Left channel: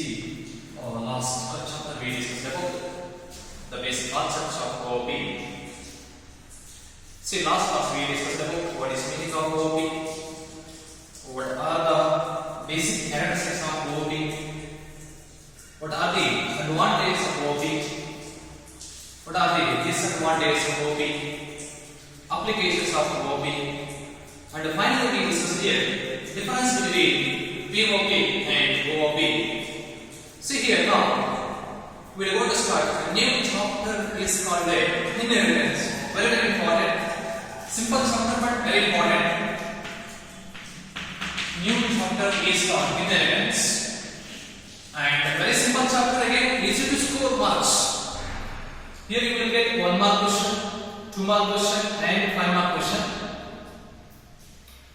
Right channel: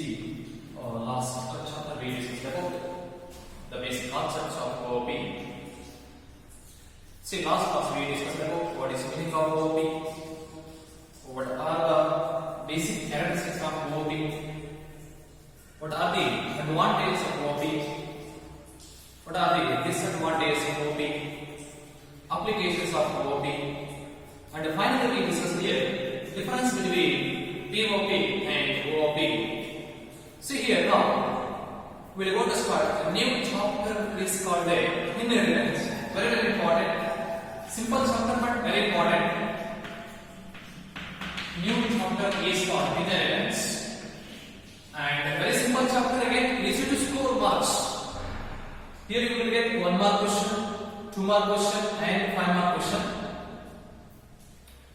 last chapter we discussed about the basic concepts of OOP. See, last class we discussed about what is meaning of OOP, what are the basic characteristics of OOP, what are the advantages of OOP, what are the disadvantages of OOP, applications of OOP, and finally we discussed here difference between POP and OOP. See here now, we are going to start a new chapter is called inheritance. Very important. Simple chapter but very important. New chapter is called inheritance. And a very simple chapter again, easy to score marks. Here you will get 1 mark question, 2 mark question and 5 mark question.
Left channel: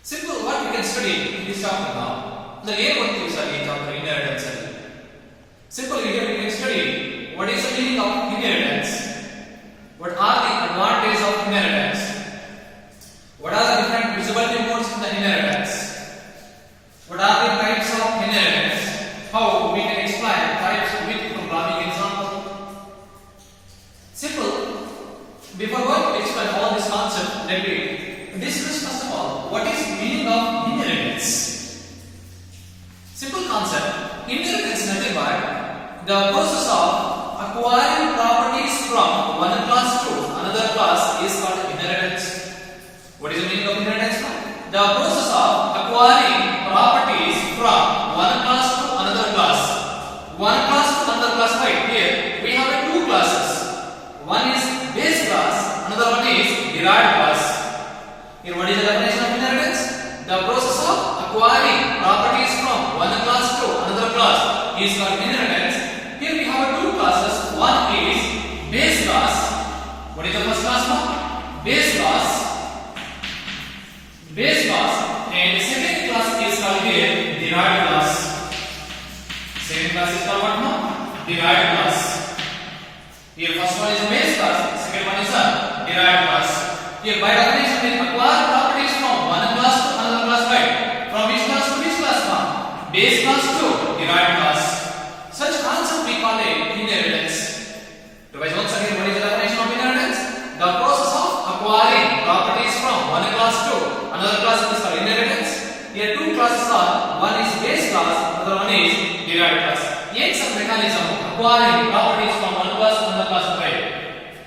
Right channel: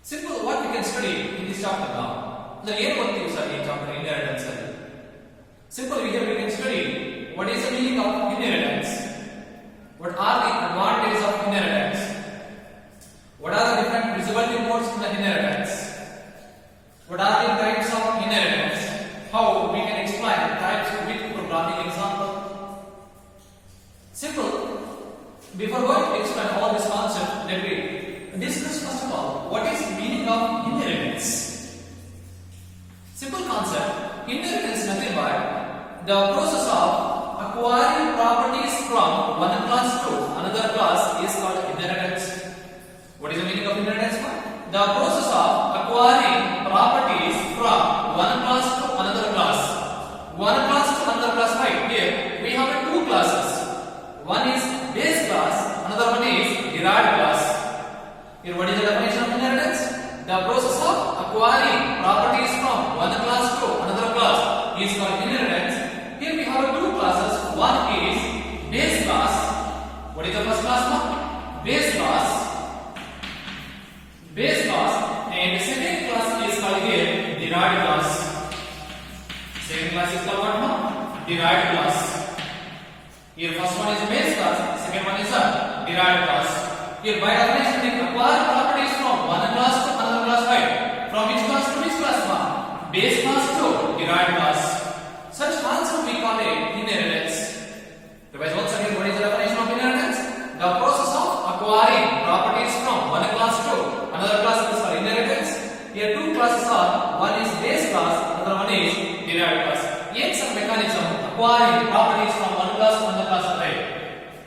Simple what we can study in this chapter now. The aim of this chapter inheritance. Simple here we can study what is the meaning of inheritance, what are the advantages of inheritance, what are the different visibility modes in the inheritance, what are the types of inheritance, how we can explain types with programming example. Simple. Before going to explain all this concept, let me discuss first of all what is meaning of inheritance. Simple concept. Inheritance is nothing but the process of acquiring properties from one class to another class is called inheritance. What is the meaning of inheritance? The process of acquiring properties from one class to another class. One class to another class, right? Here we have two classes. One is base class, another one is derived class. Here what is the definition of inheritance? The process of acquiring properties from one class to another class is called inheritance. Here we have two classes. One is base class. What is the first class now? Base class. Base class. And second class is called here derived class. Second class is called what now? Derived class. Here first one is base class. Second one is a derived class. Here by definition we acquire properties from one class to another class, right? From which class to which class now? Base class to derived class. Such concept we call it inheritance. Revise once again, what is the definition of inheritance? The process of acquiring properties from one class to another class is called inheritance. Here two classes are, one is base class, another one is derived class. It's a mechanism acquiring properties from one class to another class, right?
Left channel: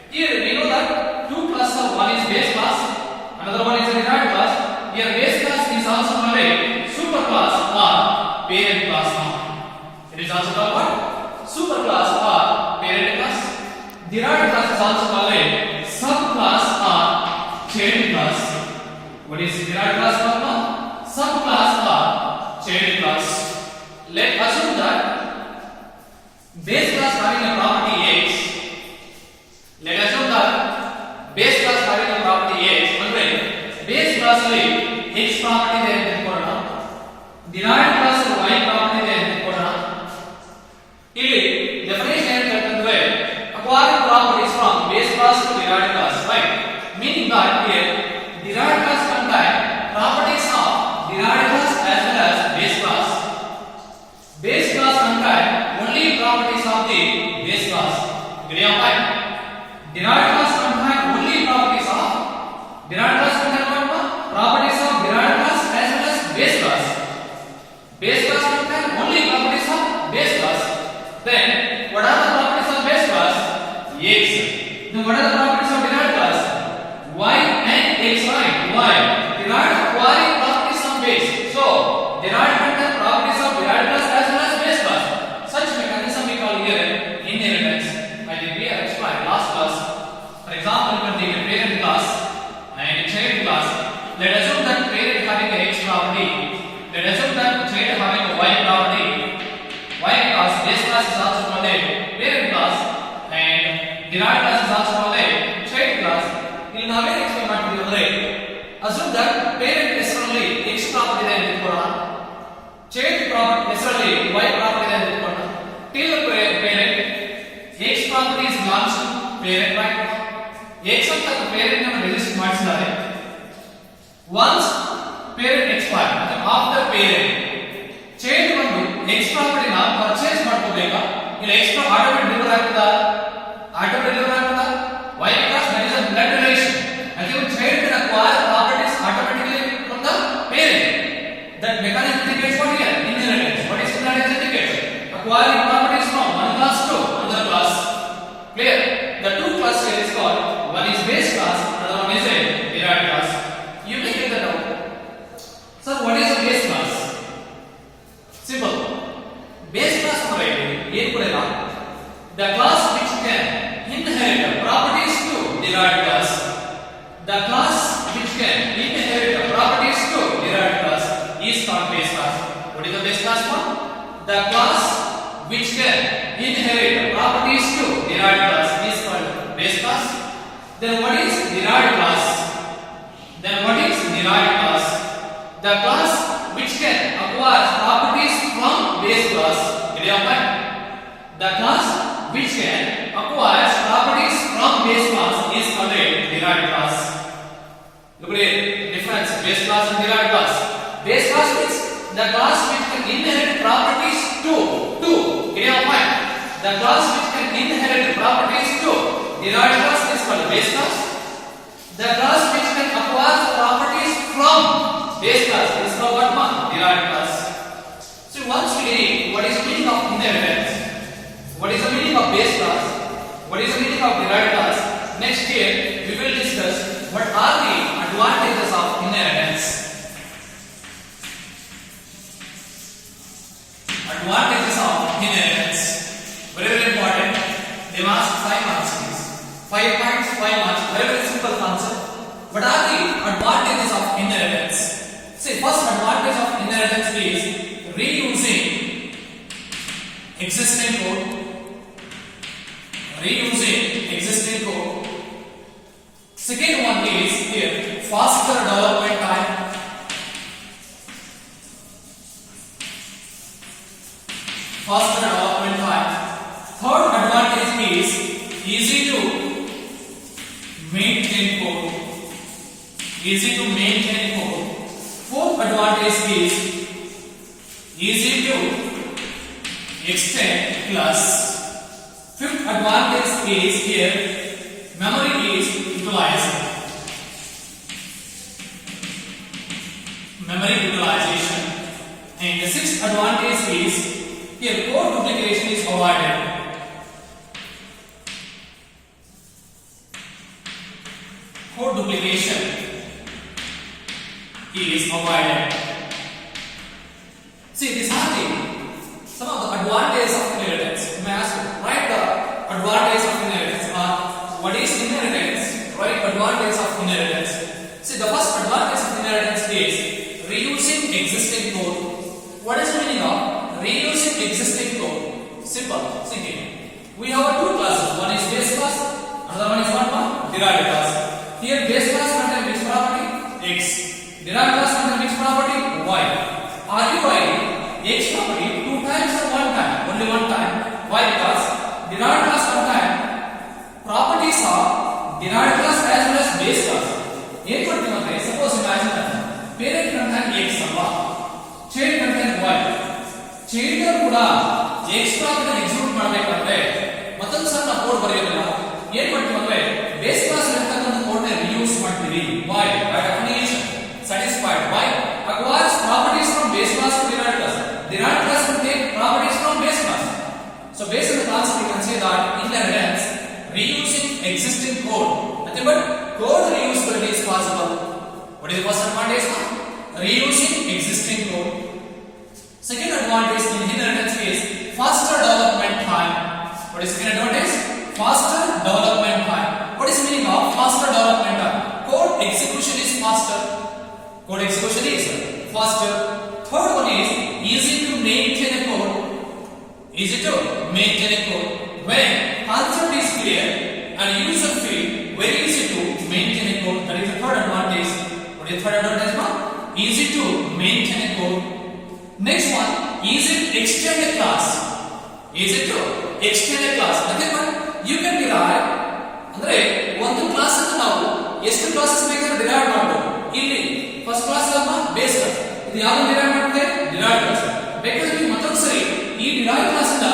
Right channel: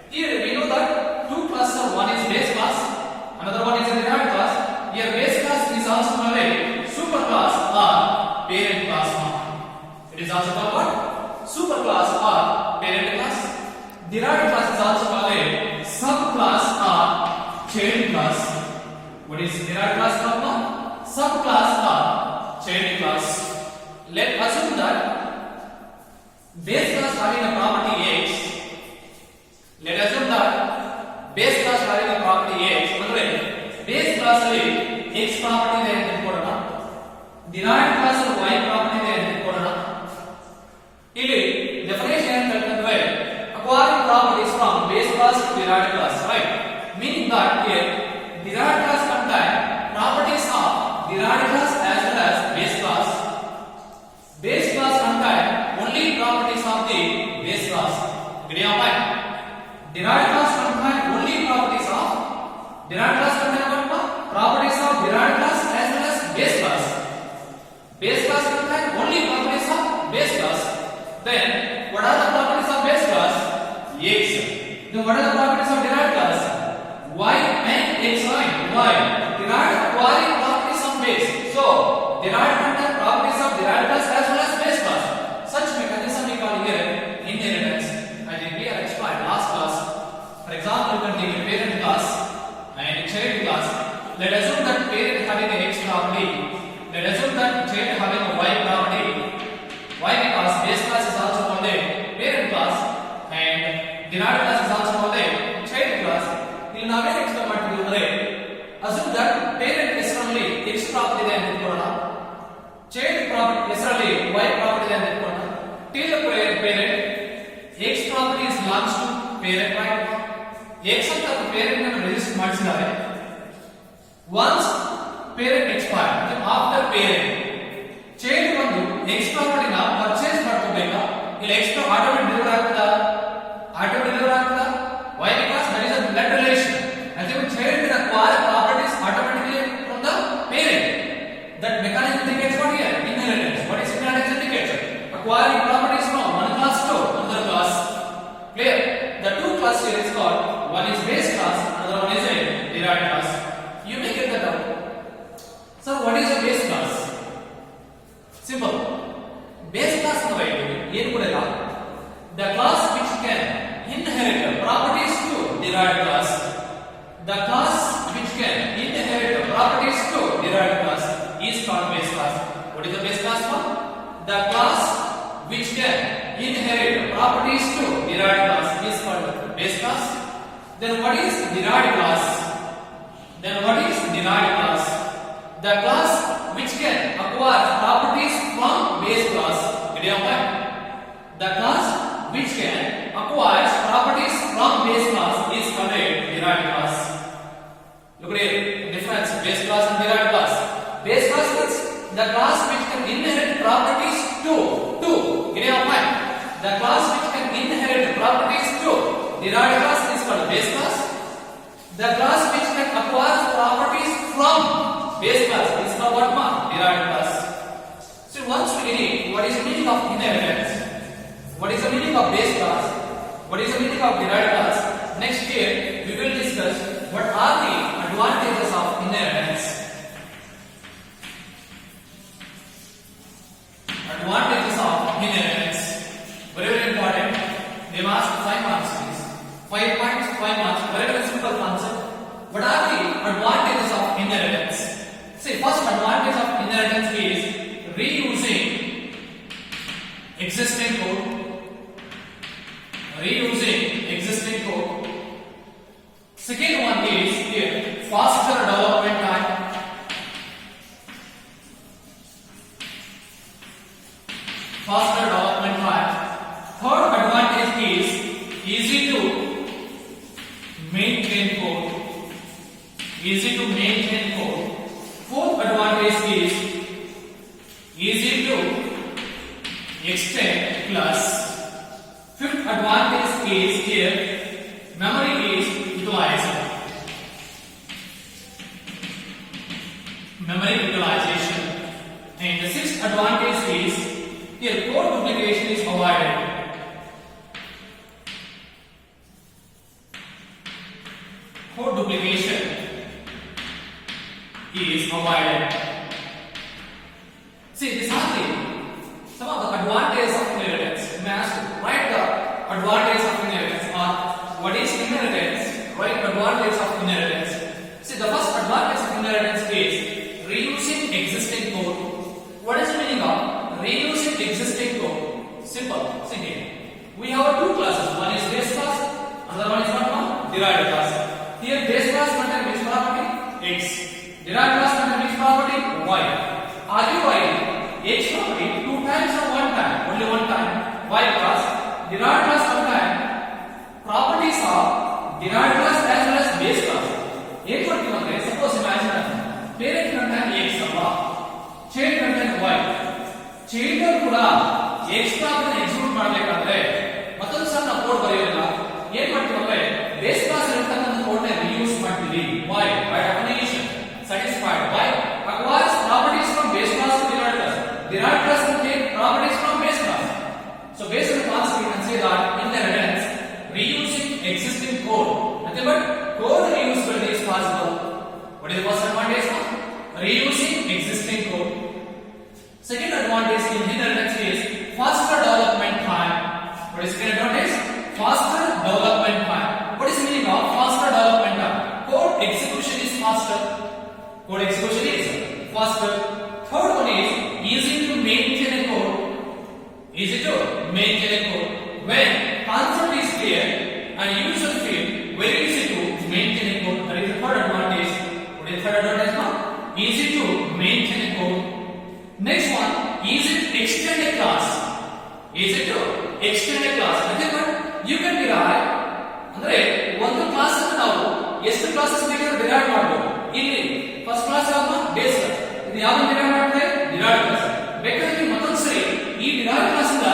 Here we know that two classes are, one is base class, another one is derived class. Here base class is also called a super class or parent class now. It is also called what? Super class or parent class. Derived class is also called a subclass or child class. What is derived class called now? Subclass or child class. Let us assume that base class having a property x. Let us assume that base class having a property x. Andre base class alli x property there ತೆಗೆದುಕೊಳ್ಳೋಣ. Derived class y property there ತೆಗೆದುಕೊಳ್ಳೋಣ. ಇಲ್ಲಿ definition ಏನು ಹೇಳ್ತಂದ್ರೆ acquiring properties from base class to derived class, right? Meaning that here derived class contain properties of derived class as well as base class. Base class contain only properties of the base class. Agree on point? Derived class contain only properties of derived class contain what? Properties of derived class as well as base class. Base class contain only properties of base class. Then what are the properties of base class? X. Then what are the properties of derived class? Y and x, right? Y. Derived acquiring properties of base. So derived contain properties of derived class as well as base class. Such mechanism we call here inheritance. I think we have explained last class. For example, you can take a parent class and a child class. Let us assume that parent having a x property. Let us assume that child having a y property. Y class base class is also called a parent class and derived class is also called a child class. ಇಲ್ಲಿ ನಾವೇನು explain ಮಾಡ್ತೀವಿ ಅಂದ್ರೆ assume that parent ಹೆಸರಲ್ಲಿ x property ಇದೆ ಅಂತ ಇಟ್ಕೊಳ್ಳೋಣ, child property ಹೆಸರಲ್ಲಿ y property ಇದೆ ಅಂತ ಇಟ್ಕೊಳ್ಳೋಣ. till parent x property is belongs to parent, right? x ಅಂತ parent ಅನ್ನು ರಿಜಿಸ್ಟರ್ ಮಾಡಿಸಿದ್ದಾರೆ. once parent expire after parent child ಒಂದು x ಪ್ರಾಪರ್ಟಿ ನ ಪರ್ಚೇಸ್ ಬೇಕಾ ಇಲ್ಲ ಎಕ್ಸ್ಟ್ರಾ ಆಟೋಮೆಟಿಕ್ ಡೆಲಿವರ್ ಆಗ್ತದಾ ಆಟೋಮೆಟಿಕ್ ಡೆಲಿವರ್ ಆಗ್ತದಾ why because there is a blood relation and your child can acquire properties automatically from the parent that mechanism indicates what here inheritance what is inheritance indicates acquiring properties from one class to another class clear the two class here is called one is base class another one is a derived class you may get that out so what is a base class simple base class ಅಂದ್ರೆ ಏನು ಕೂಡ ಇಲ್ಲ the class which can inherit the properties to derived class the class which can inherit the properties to derived class is called base class what is the base class one the class which can inherit the properties to derived class is called base class then what is derived class the class which can acquire properties from base class did you understand the class which can acquire properties from base class is called a derived class look at the difference base class and derived class base class is the class which can inherit properties to did you understand the class which can inherit properties to derived class is called base class the class which can acquire properties from base class is called what one derived class so once we read what is the meaning of inheritance what is the meaning of base class what is the meaning of derived class next year we will discuss what are the advantages of inheritance very very important they ask 5 marks please 5 points 5 marks very very simple concept what are the advantages of inheritance see first advantage of inheritance is reusing existing code second one is here faster development time third advantage is easy to maintain code fourth advantage is easy to extend class fifth advantage is here memory is utilization and the sixth advantage is here code duplication is avoided see these are the some of the advantages of inheritance you may ask write the advantages of inheritance or what is inheritance write advantages of inheritance see the first advantage of inheritance is reusing existing code what is the meaning of reusing existing code simple see here we have two classes one is base class another one is what one derived class here base class contains which property x derived class contains which property y arguing x property two times or one time only one time why because derived class contains properties of derived class as well as base class ಏನು ಮಾಡ್ತೀವಿ ಅಂದ್ರೆ suppose imagine parent content x ಅಲ್ವಾ child content y child ಕೂಡ x class execute ಮಾಡಬೇಕಾದ್ರೆ ಮತ್ತೊಂದು ಸಣ್ಣ code ಬರೆಯೋದಿಲ್ಲ ಏನು ಮಾಡ್ತೀವಿ ಅಂದ್ರೆ ಬೇಸ್ ಕ್ಲಾಸ್ ಇರತಕ್ಕಂತ ಕೋಡ್ ನ ರಿಯೂಸ್ ಮಾಡ್ತೀವಿ y by definition satisfied y acquires properties from base class to derived class will take properties from base class so based on the concept you can say that inheritance reusing existing code nothing but code reusability is possible what is the first advantage reusing existing code second advantage in inheritance is faster development time what is second advantage faster development time what is the meaning of faster development time code execution is faster third one is easy to maintain a code when concept is clear and user feel very easy to maintain a code that is the third advantage what is the third advantage easy to maintain a code next one easy to extend a class nothing but you can derive ಅಂದ್ರೆ ಒಂದು class ಅನ್ನು ನಾವು ಎಷ್ಟು classes ಬೇಕಾದರೂ derive ಮಾಡಬಹುದು ಇಲ್ಲಿ first class ಯಾವುದು base class ಇದು ಯಾವುದು ಡಿರೈವ್ ಮಾಡುತ್ತೆ ಡಿರೈವ್ಡ್ ಕ್ಲಾಸ್ ಬೇಕಾದ್ರೆ ನೀವು ಮತ್ತೊಂದು ಸರಿ ಈ ಡಿರೈವ್ಡ್ ಕ್ಲಾಸ್ ಇಂದ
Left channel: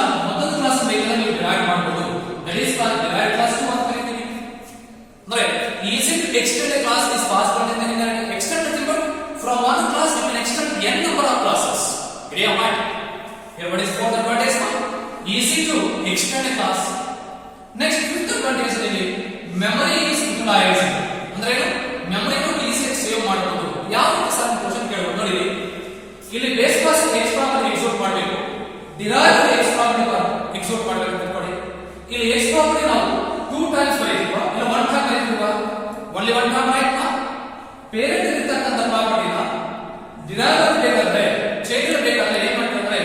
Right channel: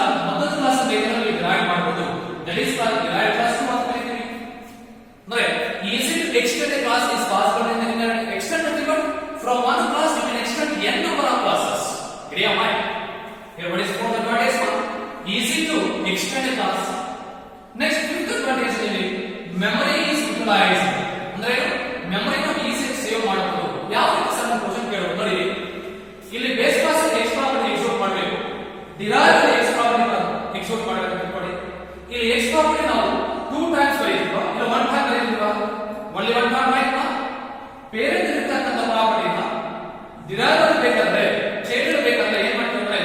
ಕ್ಲಾಸ್ ಬೇಕಂದ್ರೆ ನೀವು ಡಿರೈವ್ ಮಾಡಬಹುದು. That is called derive class to ಅಂತ ಕರೀತೀವಿ. ಅಂದ್ರೆ easy to extend a class is possible in the inheritance. Extend nothing but from one class you can extend n number of classes. Idea mind. Here what is fourth advantage? Easy to extend a class. Next fifth advantage is memory is utilized. ಅಂದ್ರೆ ಏನು memory ನ easy save ಮಾಡಬಹುದು. ಯಾವ ರೀತಿ sir question ಕೇಳಬಹುದು ನೋಡಿ. ಇಲ್ಲಿ base class x property execute ಮಾಡಬೇಕು, ಡಿರೈವ್ x ಪ್ರಾಪರ್ಟಿ ಎಕ್ಸಿಕ್ಯೂಟ್ ಮಾಡಬೇಕು ಅಂತ ತಿಳ್ಕೊಳ್ಳಿ. ಇಲ್ಲಿ x ಪ್ರಾಪರ್ಟಿ ನಾವು 2 ಟೈಮ್ಸ್ ಬರೆಯುತ್ತೀವಾ ಇಲ್ಲ 1 ಟೈಮ್ ಬರೆಯುತ್ತೀವಾ? only 1 time right. ಪೇರೆಂಟ್ ಇರತಕ್ಕಂತ ಪ್ರಾಪರ್ಟಿನ ಡಿರೈವ್ ಆಗಬೇಕಾದ್ರೆ ಚೇಂಜ್ ಬೇಕಾದ್ರೆ ಏನು ಮಾಡ್ತೀವಿ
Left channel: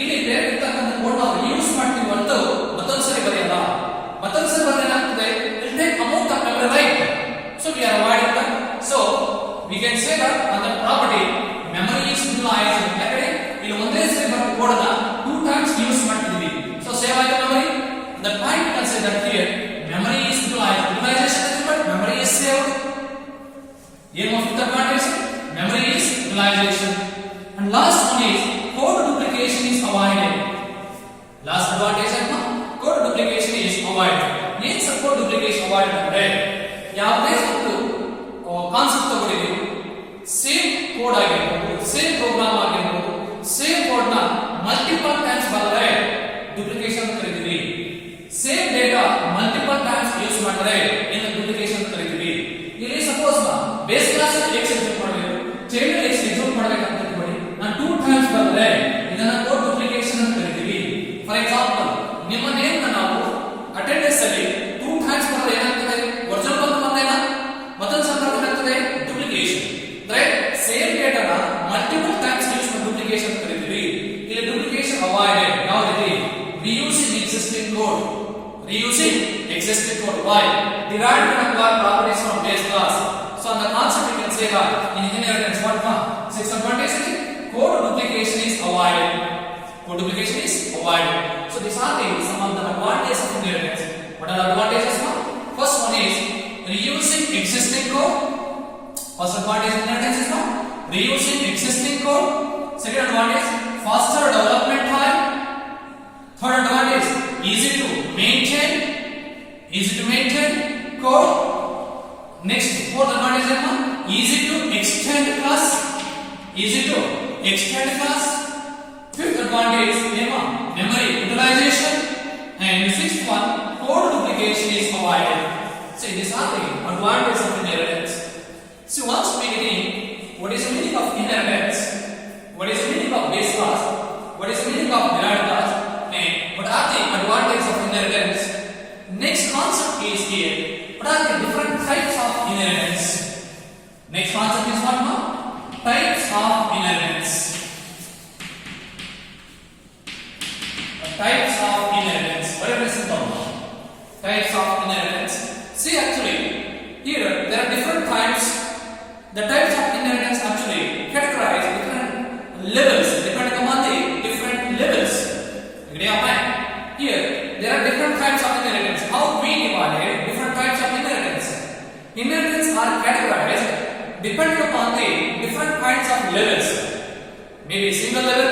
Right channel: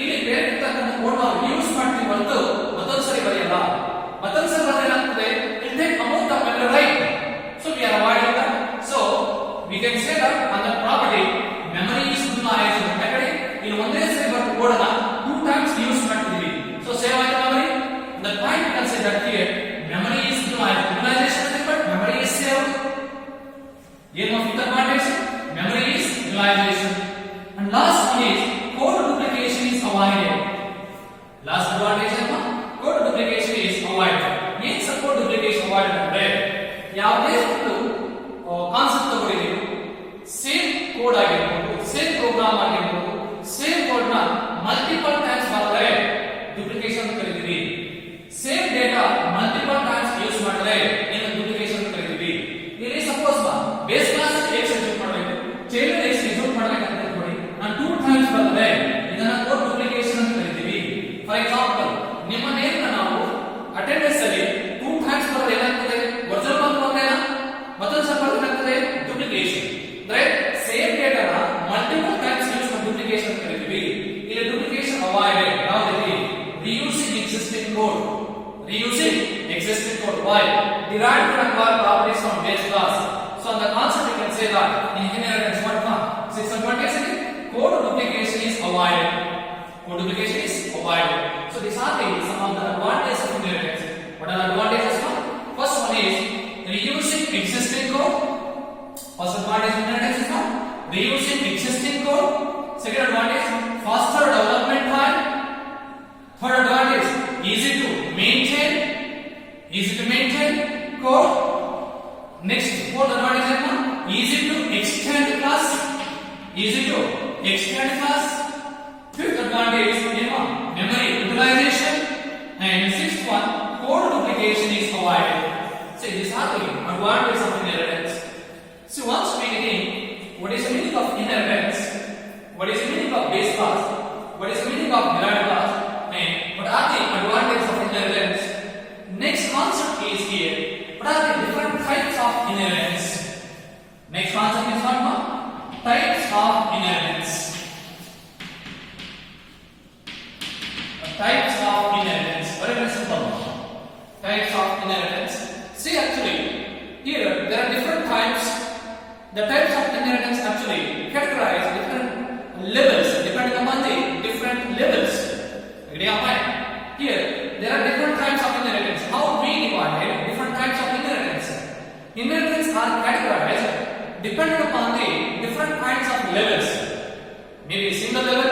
ಇಲ್ಲಿ ಪೇರೆಂಟ್ ಇರತಕ್ಕಂತ ಕೋಡ್ ನಾವು ಯೂಸ್ ಮಾಡ್ತೀವಿ ಅಂತ ಮತ್ತೊಂದು ಸರಿ ಬರೆಯಲ್ಲ. ಮತ್ತೊಂದು ಸರಿ ಬರೆದ್ರೆ ಏನಾಗ್ತದೆ? It take amount of memory right. So we are avoiding that. So we can say that on the property memory is utilized. ಯಾಕಂದ್ರೆ ಇಲ್ಲಿ ಒಂದೇ ಸರಿ ಬರೋ ಕೋಡ್ ಅನ್ನ 2 ಟೈಮ್ಸ್ ಯೂಸ್ ಮಾಡ್ತೀವಿ. So save ಆಗಿದೆ memory. The point can say that here memory is utilized. Utilization is but memory is saved. Aim of the advantage memory is utilization. And last one is code duplication is avoided. Last advantage is code duplication is avoided. Means code duplication avoided ಅಂದ್ರೆ ಯಾವುದೇ ಒಂದು concept ತಗೊಂಡಿದ್ದೀವಿ, same code ಆಗಿರ್ಬೋದು, same program ಆಗಿರ್ಬೋದು, same code ನ multiple times ಮಾಡಿದ್ರೆ duplication ಅಂತ ಕರಿತೀವಿ. Same data multiple times use ಮಾಡಿದ್ರೆ ಏನು ಡುಪ್ಲಿಕೇಶನ್ ಅಂತ ಕರಿತೀವಿ. ಇಲ್ಲಿ suppose base class x execute ಮಾಡಬೇಕು, ಚೈಲ್ಡ್ x ಎಕ್ಸಿಕ್ಯೂಟ್ ಮಾಡಬೇಕು ಅಂತ ತಿಳ್ಕೊಳ್ಳಿ. ನಾನು 2 ಟೈಮ್ಸ್ ಮಾಡಿದ್ರೆ ಇದನ್ನ ಕೋಡ್ ಡುಪ್ಲಿಕೇಶನ್ ಅಂತ ಕರಿತೀವಿ. ಫಾರ್ ಎಕ್ಸಾಂಪಲ್ ನಿಮ್ಮ ನೇಮ್ ನ ನಾವು ಅಟೆಂಡೆನ್ಸ್ ಅಲ್ಲಿ 2 ಟೈಮ್ಸ್ ಮಾಡಿದ್ರೆ ಏನಾಗ್ತದೆ? ಒರಿಜಿನಲ್ ಬಂದು ಬಂದೇನಾ ಮತ್ತೊಂದು ಸಲ ಏನಾಗ್ತದೆ? ಡುಪ್ಲಿಕೇಶನ್. ಅಂದ್ರೆ ಸೇಮ್ ಡೇಟಾನ ಮಲ್ಟಿಪಲ್ ಟೈಮ್ಸ್ ಯೂಸ್ ಮಾಡಿ ಡುಪ್ಲಿಕೇಶನ್ ಅಂತ ಕರಿತೀವಿ. ಇಲ್ಲಿ ಡುಪ್ಲಿಕೇಶನ್ ಅವಾಯ್ಡೆಡ್. ಯಾವ ರೀತಿ? reusing existing code. Reusing existing code. Why? Derived and acquired properties from base class. So on the concept you can say that in inheritance what? 626 code duplication is avoided. Code duplication is avoided. So these are some of the advantages of inheritance. What are the advantages? First one is reusing existing code. First advantage of inheritance is what? Reusing existing code. Second advantage, faster development time. Third advantage, easy to maintain code. Next, fourth advantage is easy to extend class. Fifth advantage is memory utilization. And sixth one, code duplication is avoided. See, these are the advantages of inheritance. So once we get in, what is the meaning of inheritance? What is the meaning of base class? What is the meaning of derived class? And what are the advantages of inheritance? Next concept is here. What are the different types of inheritance? Next concept is what? Types of inheritance. Types of inheritance. Very simple. Types of inheritance. See, actually, here there are different types. The types of inheritance actually categorize different levels depending upon the different levels. Here there are different types of inheritance. How we divided different types of inheritance? Inheritance are categorized depending upon the different kinds of levels. Maybe single level,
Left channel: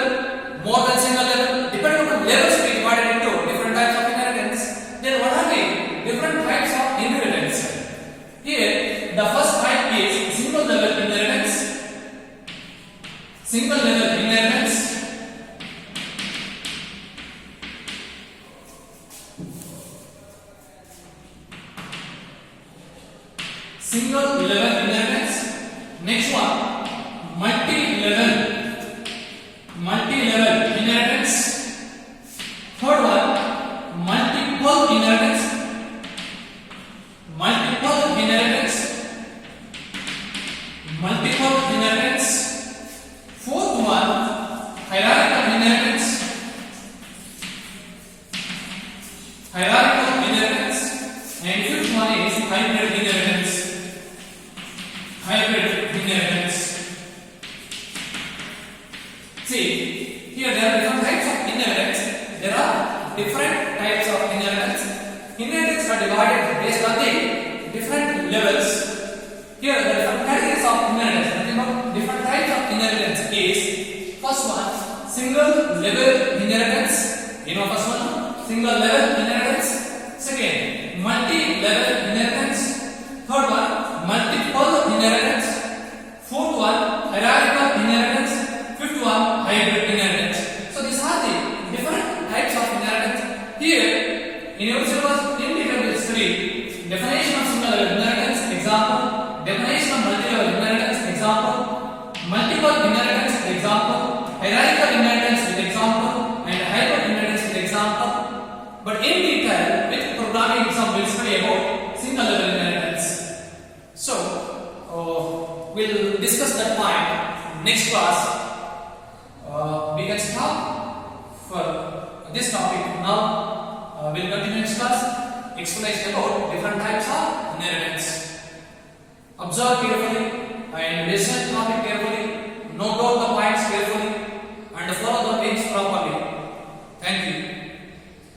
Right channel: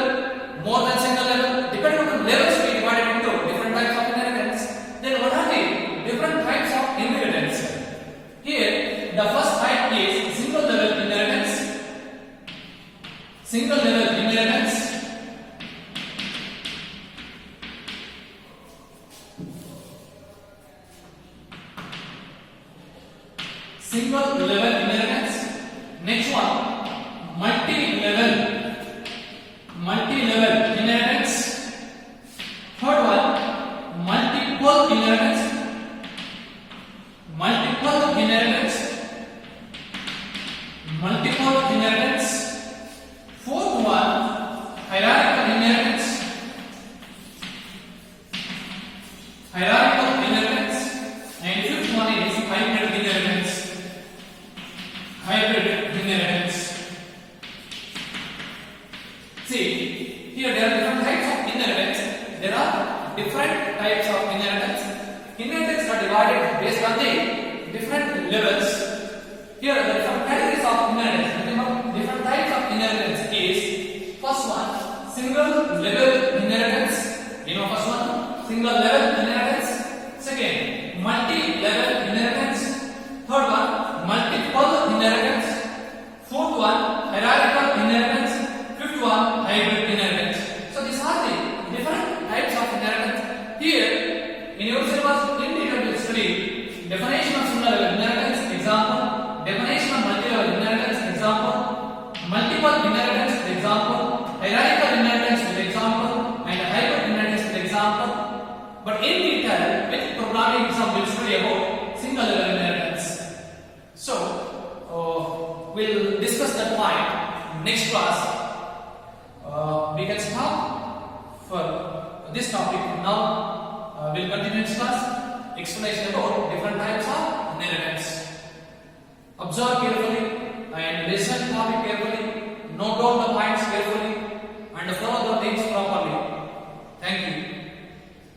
more than single level. Depending upon levels, we divided into different types of inheritance. Then what are the different types of inheritance? Here, the first type is single level inheritance. Single level inheritance. Single level inheritance. Next one, multi-level inheritance. Third one, multiple inheritance. Fourth one, hierarchical inheritance. And fifth one is hybrid inheritance. See, here there are different types of inheritance. There are different types of inheritance. Inheritance are divided based on the different levels. Here there are different categories of inheritance. Remember, different types of inheritance is first one, single level inheritance. You know first one, single level inheritance. Second, multi-level inheritance. Third one, multiple inheritance. Fourth one, hierarchical inheritance. Fifth one, hybrid inheritance. So these are the different types of inheritance. Here, in your syllabus, independent study, definition of single level inheritance, example. Definition of multi-level inheritance, example. Multiple inheritance, example. Hierarchical inheritance, example. And hybrid inheritance, example. But in detail, with programming exam, we'll study about single level inheritance. So, we'll discuss that point next class. We can stop for this topic now. We'll continue next class. Explanation about different types of inheritance. Observe carefully and listen to topic carefully. Note down the points carefully.